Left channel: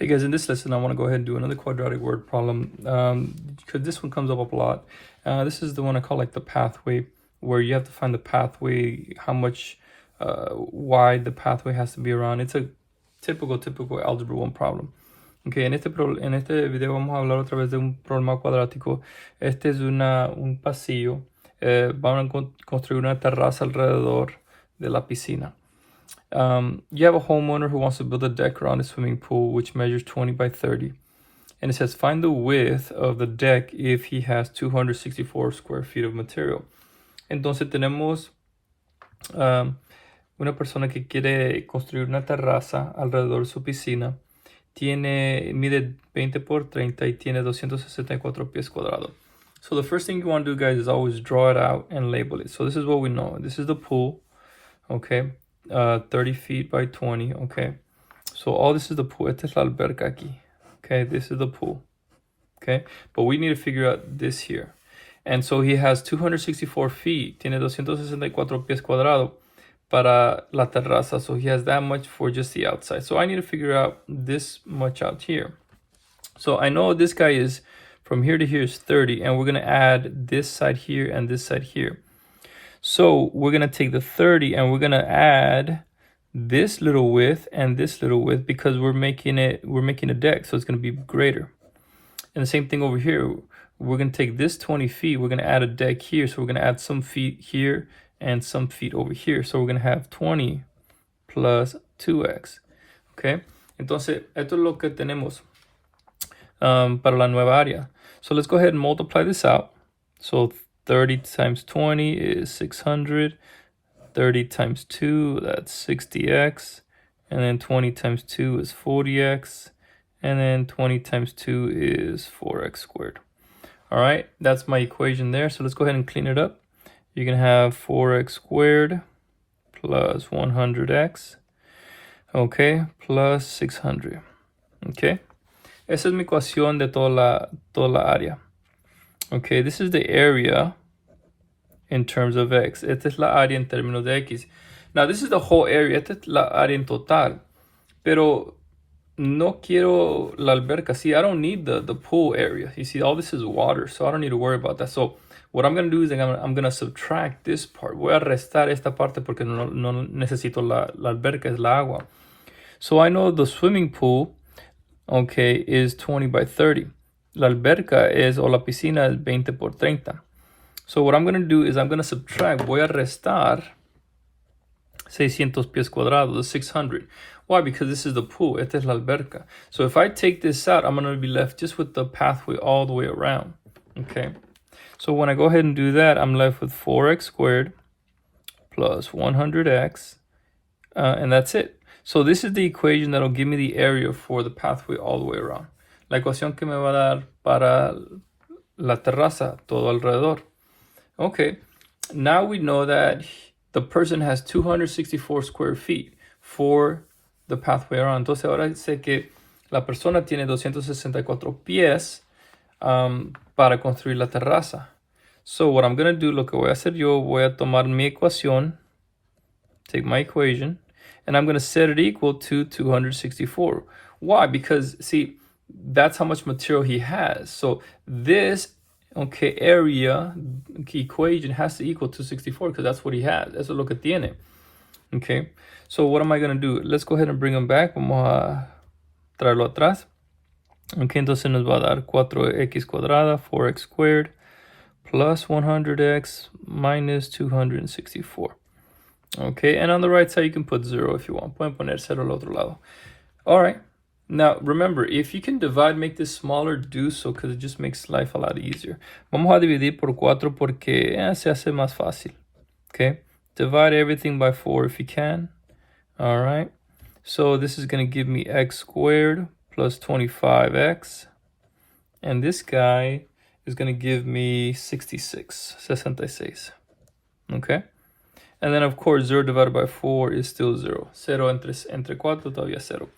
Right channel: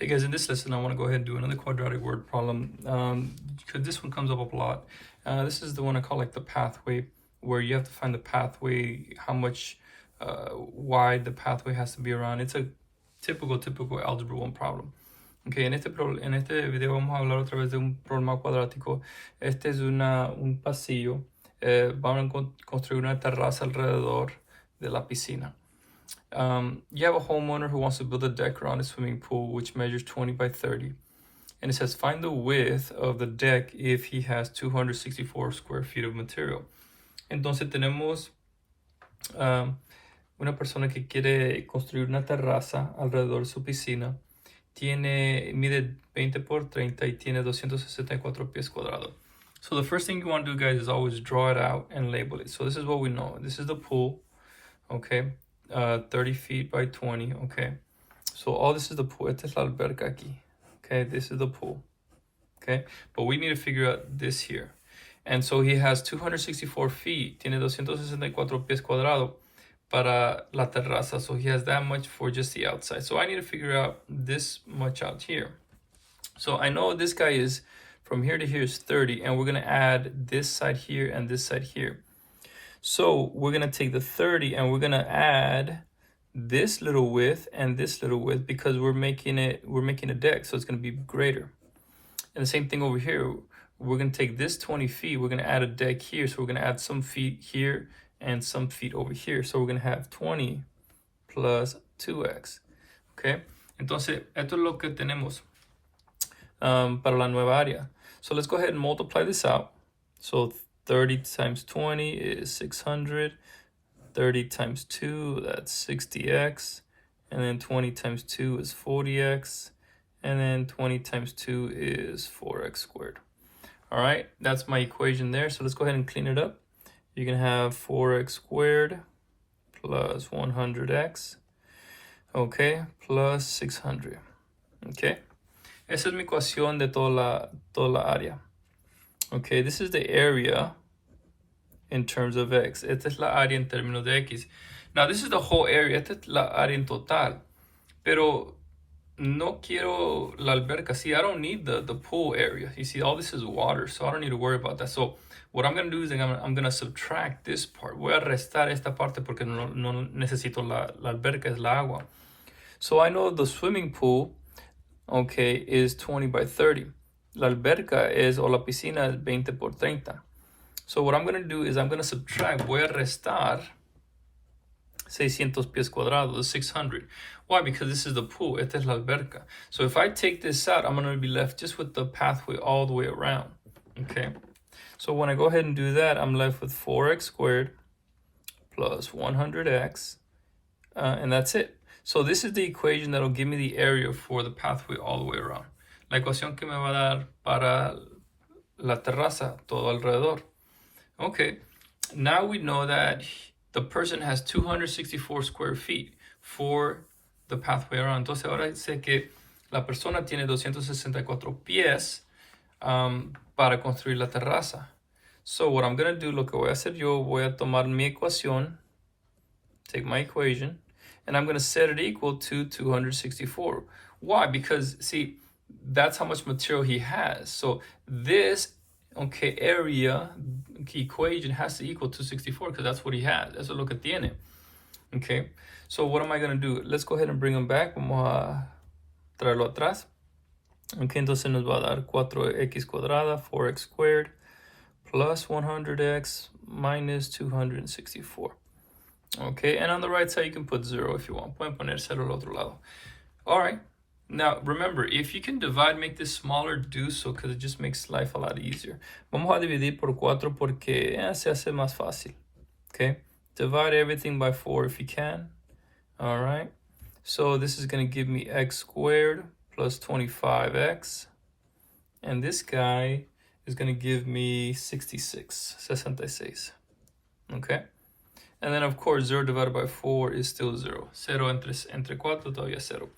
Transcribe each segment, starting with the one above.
Hey guys, in this lesson I want to go ahead and do another quadratic word problem because this one comes up a lot. This is the one I call like the pathway, where you have to find the pathway, how much wide the pathway has to be around. It's a typical Algebra 1 problem. Okay, en este video vamos a hablar otra vez de un problema cuadrático. Este es un pasillo. Van a construir una terraza alrededor de la piscina. You have a homeowner who wants to build a deck around a swimming pool which measures 20 by 30. And it says find the width of the deck if he has 264 square feet of material. Entonces tenemos una persona que quiere construir una terraza alrededor de su piscina. Mide 20 por 30 y tiene 264 pies cuadrados. So the first thing you want to do, guys, is always draw it out and label it. So this is what we know. This is the pool, okay? 30 feet by 20, okay? So all this is the pool. Esta es la alberca aquí, okay? This is the pool, okay? But we need to figure out this here. And so he has 264 feet. Tiene 264 pies cuadrados para la terraza. So he has that much for just the outside. So I need to figure out this much out here. So I know this guy is, from here to here is 30, and we're going to add this side here and this side here. So we're going to take the 30 and we're going to add this little width and this little width because we're making a deck, so it's going to be greater. And the same thing over here. We're going to take this 20 feet, we're going to add a deck here, so we're going to add some feet here and some feet over here. So we're going to have 20 plus 2x. Okay? Entonces, esto es lo que tenemos para la nueva área. So let's go ahead and multiply this out. So 30 times 20 is 600. 30 times 2, that's 60x. And then 20 times 2 is 40x. And then 20 times 2 is 4x squared. All right, that's my equation there. So let's go ahead and clean it up. You can have 4x squared plus 100x, okay, plus 600, okay. Esa es mi ecuación de toda la área. Okay, this is the area in terms of x. Esta es la área en términos de x. Now, this is the whole area. Esta es la área en total. Pero no quiero la alberca. See, I don't need the pool area. You see, all this is water, so I don't need to worry about that. So what I'm going to do is I'm going to subtract this part. Voy a restar esta parte porque no necesito la alberca, es la agua. So I know the swimming pool, okay, is 20 by 30. La alberca o la piscina es 20 por 30. So what I'm going to do is I'm going to subtract, voy a restar 600 pies cuadrados, the 600. Why? Because this is the pool, esta es la alberca. So if I take this out, I'm going to be left just with the pathway all the way around, okay? So when I go ahead and do that, I'm left with 4x squared plus 100x, and that's it. So this is the equation that'll give me the area for the pathway all the way around. La ecuación que me va a dar para la terraza, todo alrededor. Okay, now we know that the person has 264 square feet for the pathway around. Entonces ahora sé que la persona tiene 264 pies para construir la terraza. So what I'm going to do, lo que voy a hacer yo, voy a tomar mi ecuación, take my equation, and I'm going to set it equal to 264. Why? Because, see, that's how much material he has. So this, okay, area equation has to equal 264 because that's what he has. Eso es lo que tiene. Okay, so what am I going to do? Let's go ahead and bring him back. Vamos a traerlo atrás. Okay, entonces nos va a dar 4x cuadrada, 4x squared, plus 100x minus 264. Okay, and on the right side you can put 0 if you want. Pueden poner 0 al otro lado. All right. Now, remember, if you can divide, make this smaller, do so, because it just makes life a lot easier. Vamos a dividir por 4 porque se hace más fácil. Okay? Divide everything by 4 if you can. All right? So this is going to give me x squared plus 25x. And this guy is going to give me 66. Okay? And then, of course, 0 divided by 4 is still 0. 0 entre 4 todavía 0.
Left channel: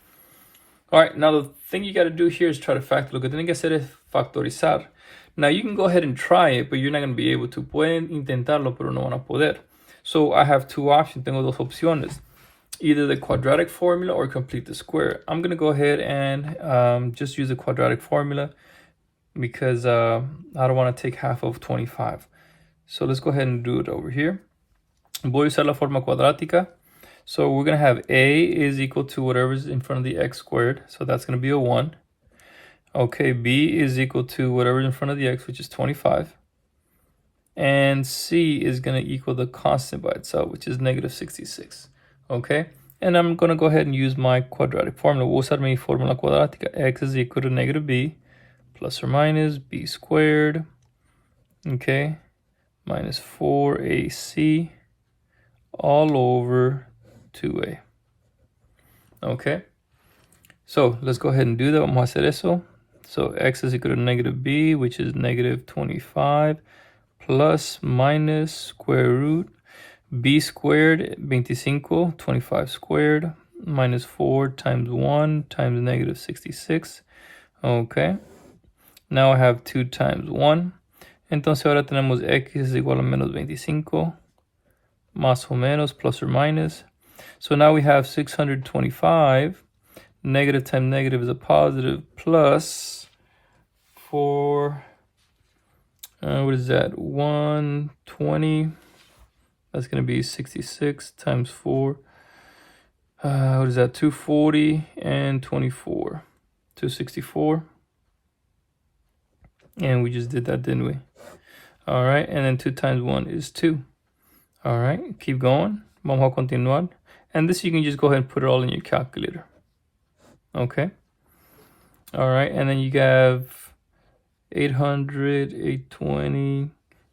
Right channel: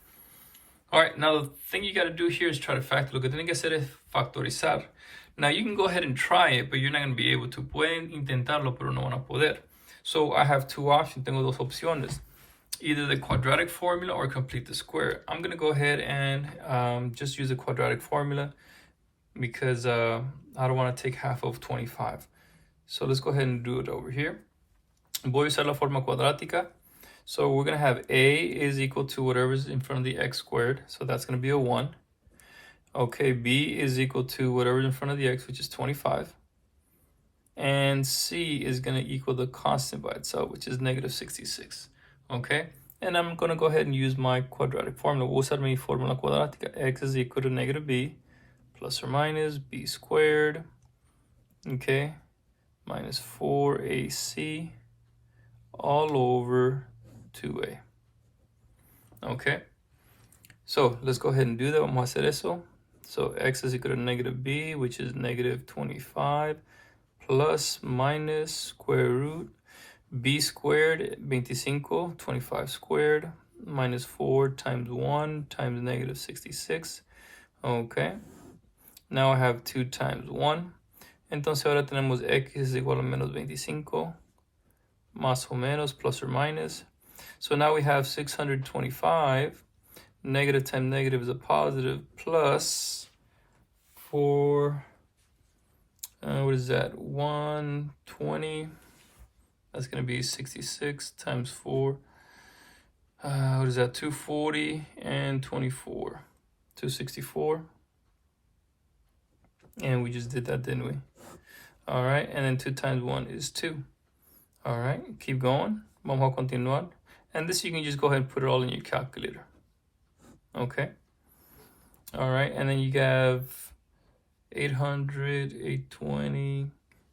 All right, now the thing you got to do here is try to factor. Lo que tienen que hacer es factorizar. Now you can go ahead and try it, but you're not going to be able to. Pueden intentarlo, pero no van a poder. So I have two options. Tengo dos opciones. either the quadratic formula or complete the square. I'm going to go ahead and just use the quadratic formula because I don't want to take half of 25. So let's go ahead and do it over here. Voy a usar la forma cuadrática. So we're going to have a is equal to whatever's in front of the x squared. So that's going to be a 1. Okay, b is equal to whatever's in front of the x, which is 25. And c is going to equal the constant by itself, which is negative 66. Okay, and I'm going to go ahead and use my quadratic formula. Voy a usar mi fórmula cuadrática. X is equal to negative b plus or minus b squared. Okay, minus 4ac all over 2a. Okay, so let's go ahead and do that. Vamos a hacer eso. So x is equal to negative b, which is negative 25, plus minus square root b squared, 25, 25 squared, minus 4 times 1 times negative 66. Okay, now I have 2 times 1. Entonces ahora tenemos x is igual a menos 25, más o menos, plus or minus. So now we have 625, negative times negative is a positive, plus 4, what is that, 120, that's going to be 66 times 4, what is that, 240 and 24, 264, and we just did that, didn't we? All right, and then 2 times 1 is 2. All right, keep going. Vamos a continuar. And this you can just go ahead and put it all in your calculator. Okay. All right, and then you have 800, 820,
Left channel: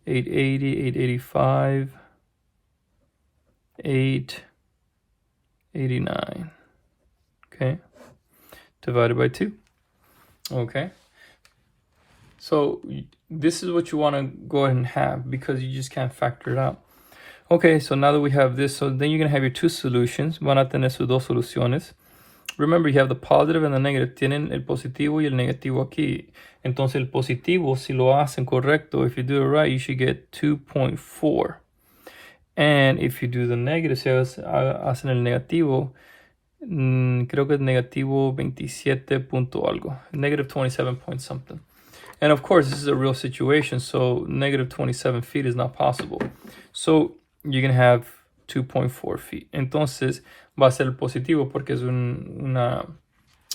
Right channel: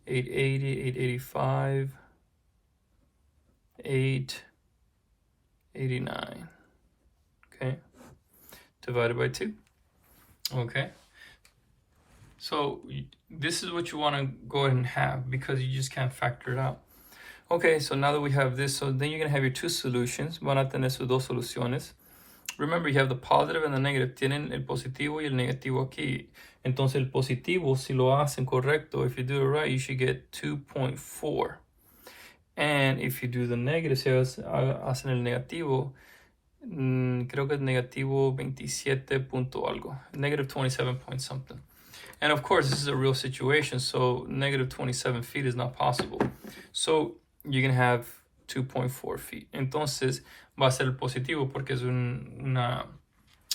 880, 885, 889. Okay, divided by 2. Okay. So this is what you want to go ahead and have because you just can't factor it out. Okay, so now that we have this, so then you're going to have your two solutions. Van a tener sus dos soluciones. Remember, you have the positive and the negative. Tienen el positivo y el negativo aquí. Entonces, el positivo, si lo hacen correcto, if you do it right, you should get 2.4. And if you do the negative, si hacen el negativo, creo que es negativo 27 punto algo. Negative 27 point something. And of course, this is a real situation, so negative 27 feet is not possible. So you can have 2.4 feet. Entonces, va a ser positivo porque es un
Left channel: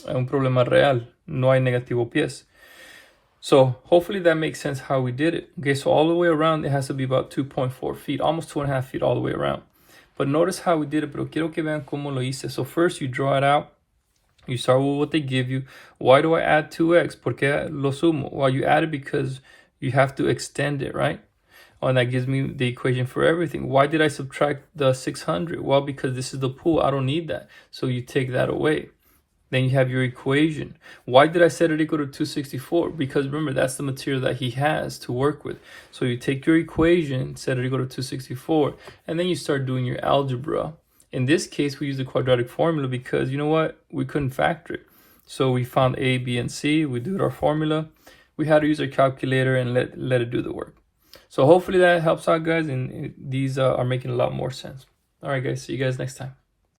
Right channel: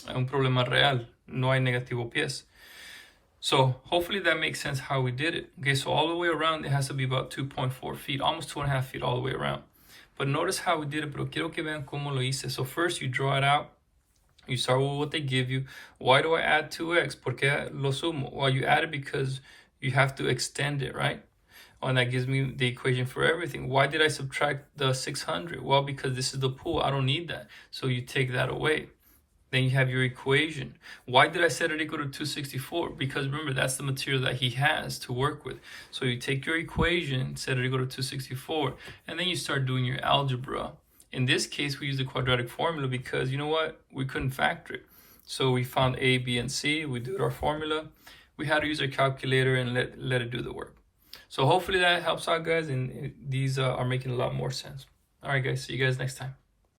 problema real. No hay negativo pies. So hopefully that makes sense how we did it. Okay, so all the way around, it has to be about 2.4 feet, almost 2.5 feet all the way around. But notice how we did it, pero quiero que vean cómo lo hice. So first you draw it out. You start with what they give you. Why do I add 2x? Porque lo sumo? Well, you add it because you have to extend it, right? Oh, and that gives me the equation for everything. Why did I subtract the 600? Well, because this is the pool. I don't need that. So you take that away. Then you have your equation. Why did I set it equal to 264? Because remember, that's the material that he has to work with. So you take your equation, set it equal to 264, and then you start doing your algebra. In this case, we use the quadratic formula because, you know what? We couldn't factor it. So we found A, B, and C. We did our formula. We had to use our calculator and let it do the work. So hopefully that helps out, guys, and these are making a lot more sense. All right, guys. See you guys next time.